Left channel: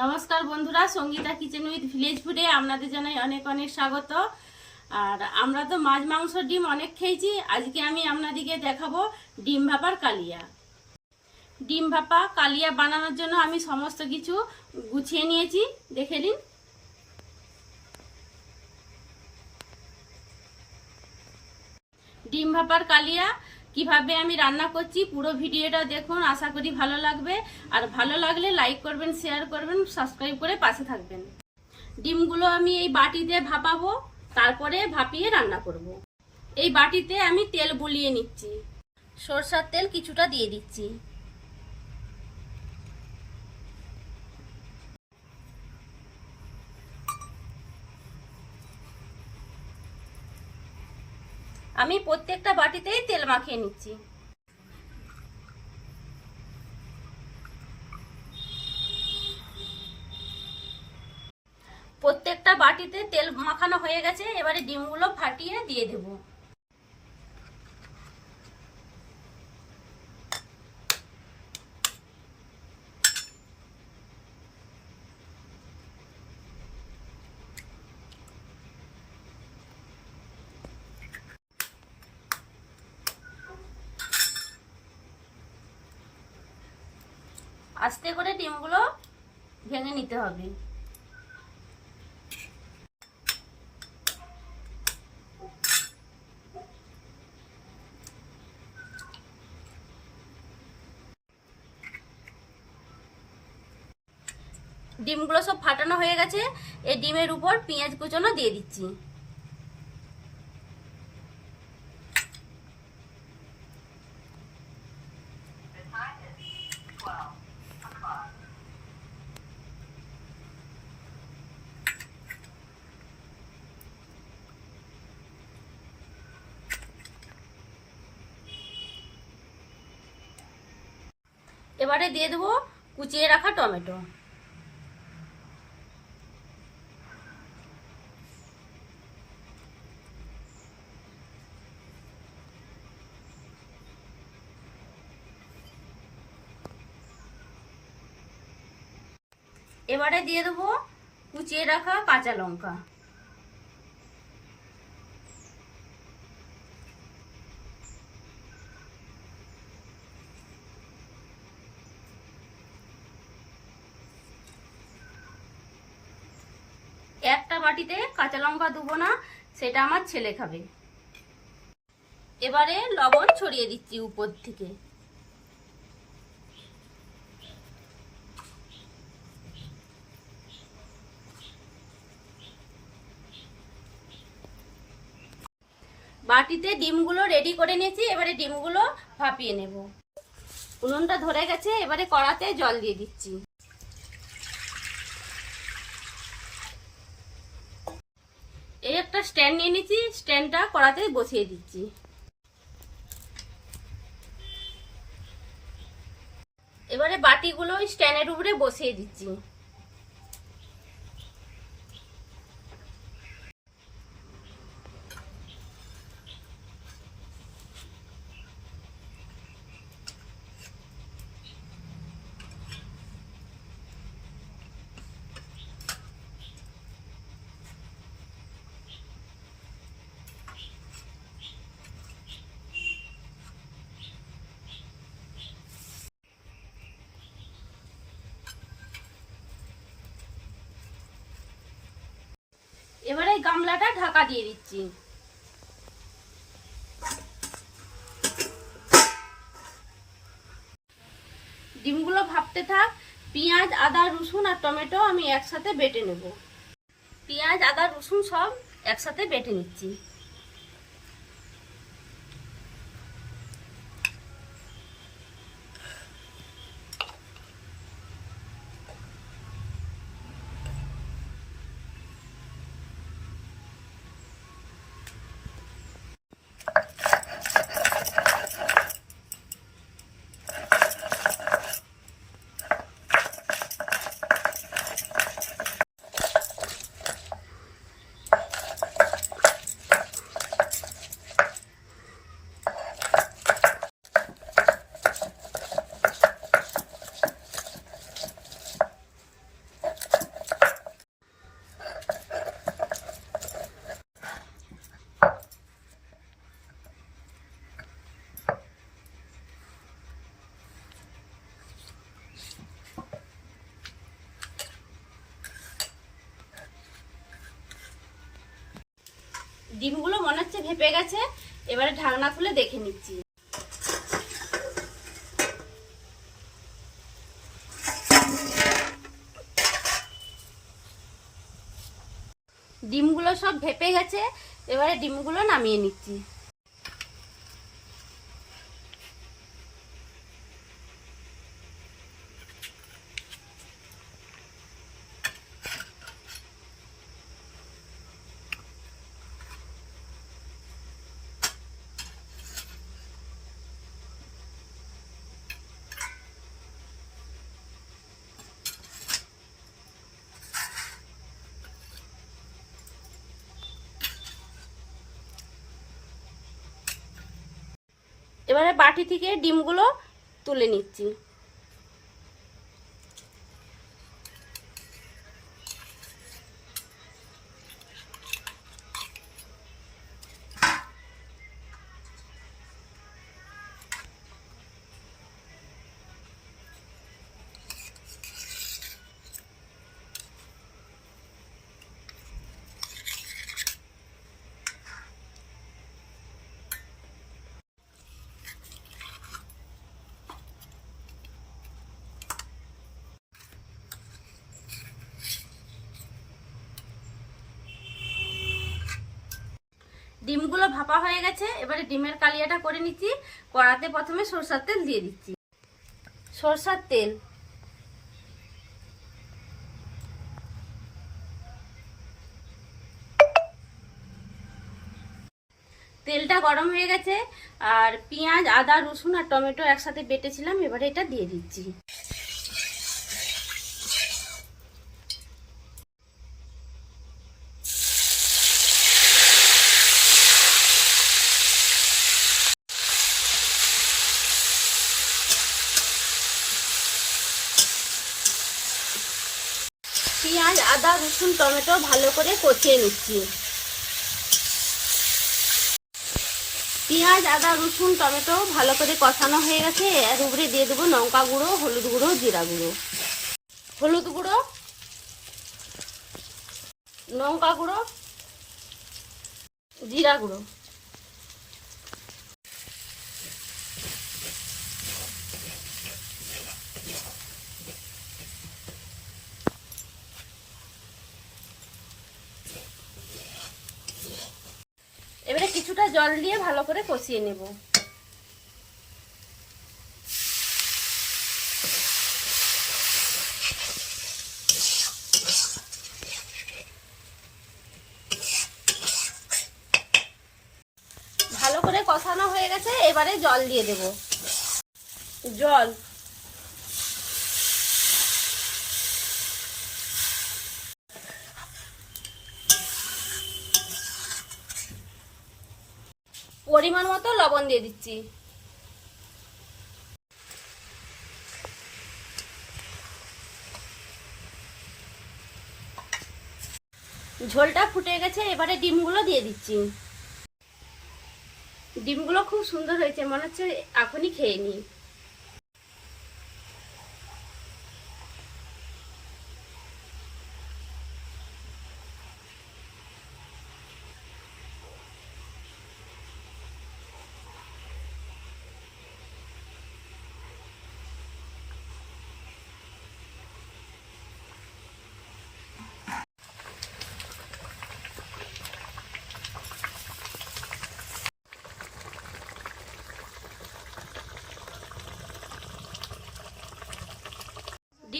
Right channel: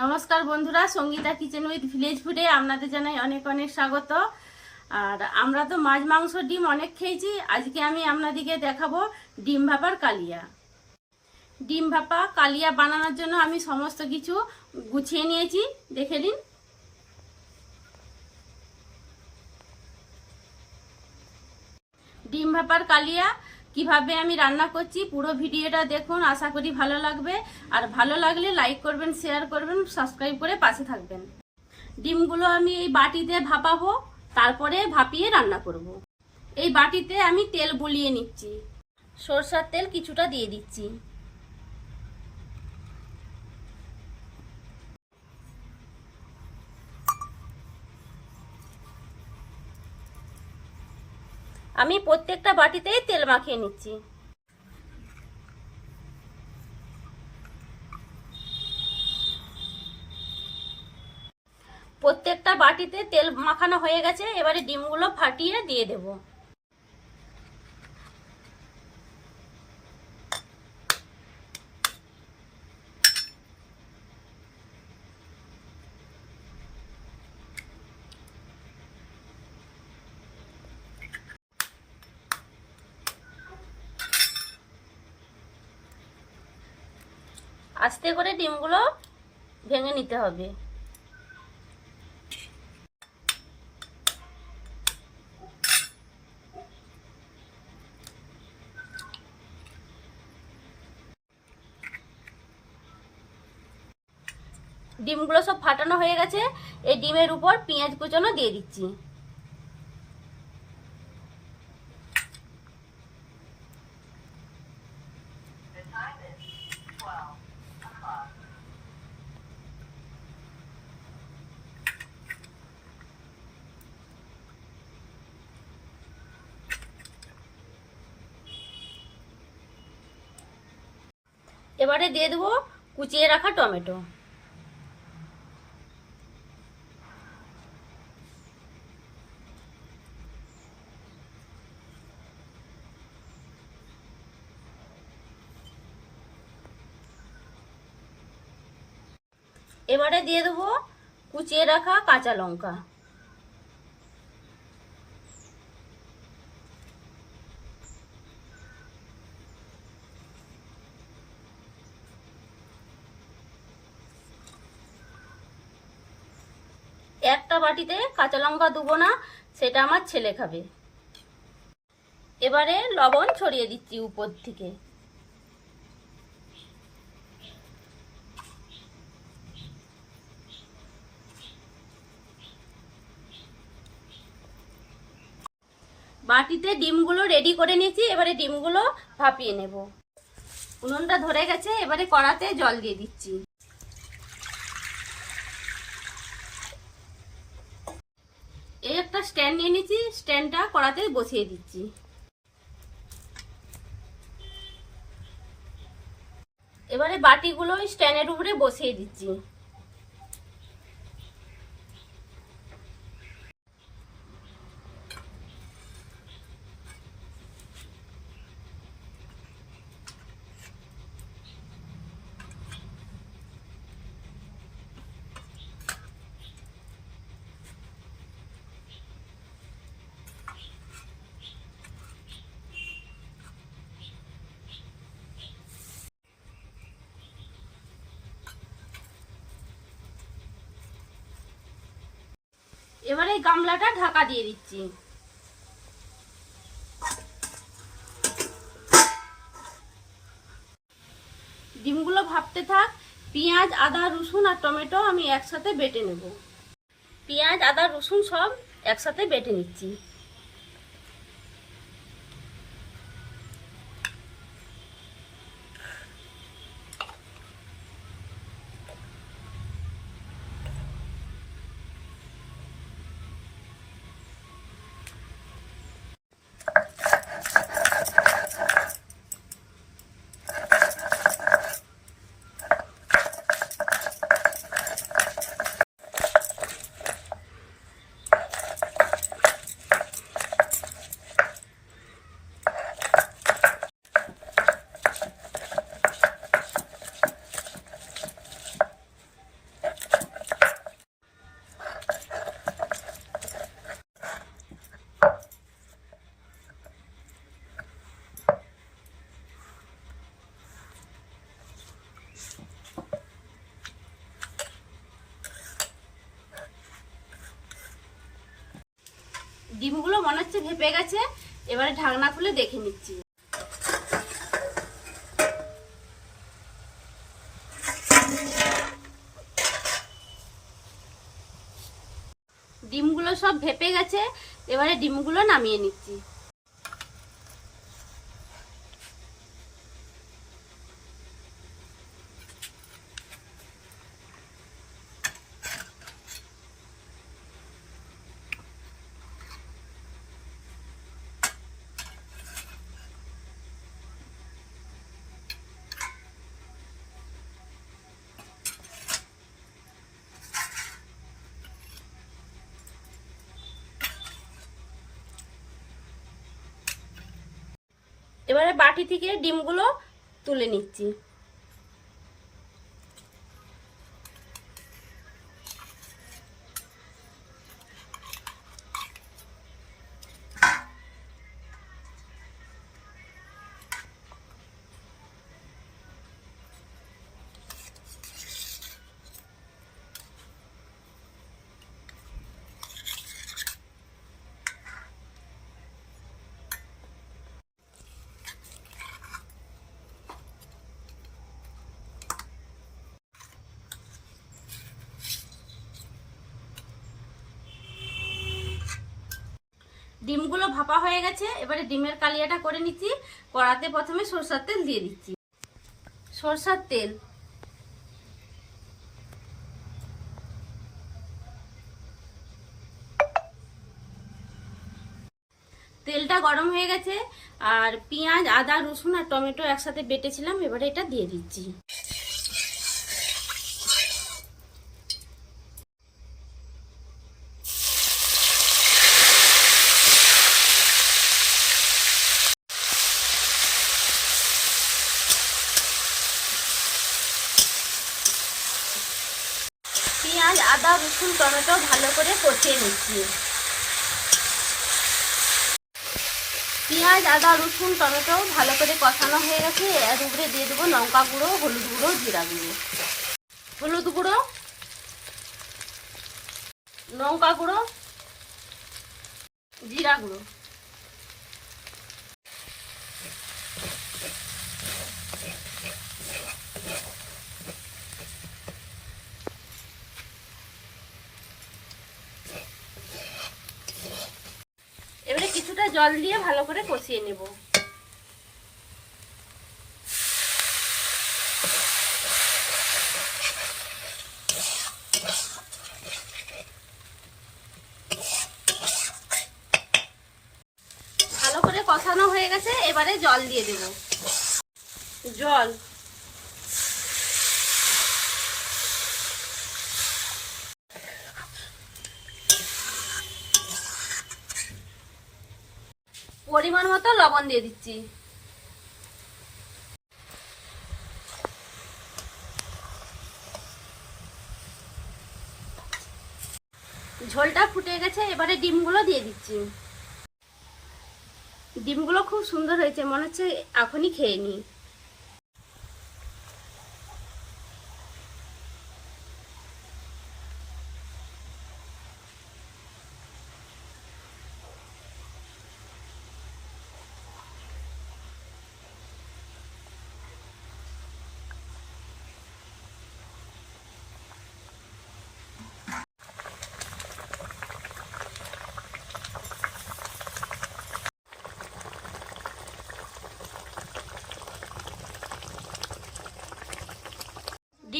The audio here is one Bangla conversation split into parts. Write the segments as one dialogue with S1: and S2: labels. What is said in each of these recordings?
S1: নমস্কার বন্ধুরা, সঙ্গীতা কিচেন উইথ ভিলেজ ফুডে আপনাদের জানাই অনেক অনেক স্বাগত। আর আমরা তো মাছ, মাংস, ডিম অনেক খেয়েছি। আজকে আমি আপনাদেরকে দেখাবো ডিম ভাপার কালিয়া। ডিম ভাপা, কালিয়া বানানোর জন্য আমি সমস্ত কিছু গুছিয়ে নিয়েছি। দেখে নিন। ডিম ভাপার কালিয়া কীভাবে আমি রান্না করছি পুরো ভিডিওটা দেখুন, আশা করি ভালো লাগবে। আর ভালো লাগলে লাইক করবেন শেয়ার করবেন সাবস্ক্রাইব করে পাশে থাকবেন। ডিমগুলো আমি এই বাটিতে ভাপাবো, তারপরে ভাপিয়ে রান্না করব। এই বাটিতে আমি তেল বুলিয়ে নিচ্ছি। সরষার তেল কিছুটা দিয়ে দিচ্ছি। আমি প্রত্যেকটা বাটিতেই তেল মাখিয়ে নিচ্ছি। প্রত্যেকটা বাটিতে তেল মাখানো হয়ে গেছে, এবারে ডিমগুলো ফাটিয়ে দিয়ে দেব। আস্তে করে ডিমগুলো ভেঙে নিতে হবে। ডিমগুলো সব ফাটানো হয়ে গেছে। এই ডিমের উপর পেঁয়াজ কুচনো দিয়ে দিচ্ছি। এবারে দিয়ে দেবো কুচিয়ে রাখা টমেটো। এবারে দিয়ে দেবো কুচিয়ে রাখা কাঁচা লঙ্কা। একটা বাটিতে কাঁচা লঙ্কা দেবো না, সেটা আমার ছেলে খাবে। এবারে লবণ ছড়িয়ে দিচ্ছি উপর থেকে। বাটিতে ডিমগুলো রেডি করে নিয়েছি, এবারে ডিমগুলো ভাপিয়ে নেব। উনুনটা ধরে গেছে, এবারে কড়াতে জল দিয়ে দিচ্ছি। এই একটা স্ট্যান্ড নিয়ে নিচ্ছি স্ট্যান্ডটা কড়াতে বসিয়ে দিচ্ছি। এবারে বাটিগুলো স্ট্যান্ডের উপরে বসিয়ে দিচ্ছি। এবারে গামলাটা ঢাকা দিয়ে দিচ্ছি। ডিমগুলো ভাবতে থাক, পেঁয়াজ, আদা, রসুন আর টমেটো আমি একসাথে বেটে নেব। পেঁয়াজ, আদা, রসুন সব একসাথে বেটে নিচ্ছি। ডিমগুলো মনে হচ্ছে ভেপে গেছে, এবারে ঢাকনা খুলে দেখে নিচ্ছি। ডিমগুলো সব ভেপে গেছে, এবারে ডিমগুলো নামিয়ে নিচ্ছি। এবারে বাটি থেকে ডিমগুলো তুলে নিচ্ছি। ডিমগুলো ভাপা হয়ে গেছে, এবারে ডিমের কালিয়াটা করে নিচ্ছি। কড়াতে প্রথমে সরষার তেল দিয়ে দিচ্ছি। সরষার তেল। তেলটা গরম হয়ে গেছে, আর পেঁয়াজ, আদা, রসুন আর টমেটো একসাথে বেটেছিলাম, এবারে এটা দিয়ে দিচ্ছি। পেঁয়াজ আদা, রসুন, টমেটো ভালো করে কষিয়ে নিচ্ছি। পেঁয়াজ, আদা, রসুন, টমেটো ভালো করে কষানো হয়ে গেছে। এর উপরে দিয়ে দেবো লঙ্কা গুঁড়ো, হলুদ গুঁড়ো, জিরা গুঁড়ো। হলুদ গুঁড়ো, লঙ্কা গুঁড়ো, জিরা গুঁড়ো এবারে কিছুটা জল দিয়ে ভালো করে কষিয়ে নেব। ভালো করে কষানো হয়ে গেছে, এবারে জল দিয়ে দেব। জল পরিমাণ মতো লবণ দিয়ে দিচ্ছি। ঝোলটা ফুটে গেছে, এবারে ডিমগুলো দিয়ে দিচ্ছি। ডিমগুলো খুব সুন্দর হয়েছে, মনে হচ্ছে এখনই খেয়ে নিই।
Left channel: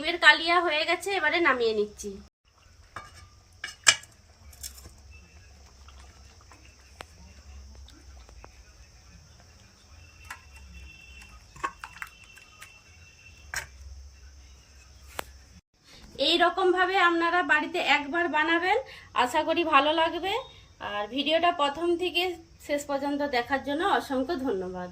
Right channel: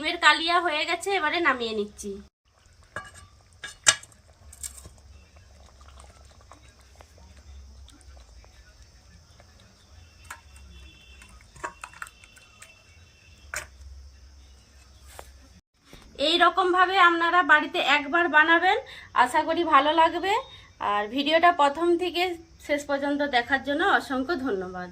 S1: ডিমের কালিয়া হয়ে গেছে, এবারে নামিয়ে নিচ্ছি। এই রকম ভাবে আপনারা বাড়িতে একবার বানাবেন, আশা করি ভালো লাগবে। আর ভিডিওটা প্রথম থেকে শেষ পর্যন্ত দেখার জন্য অসংখ্য ধন্যবাদ।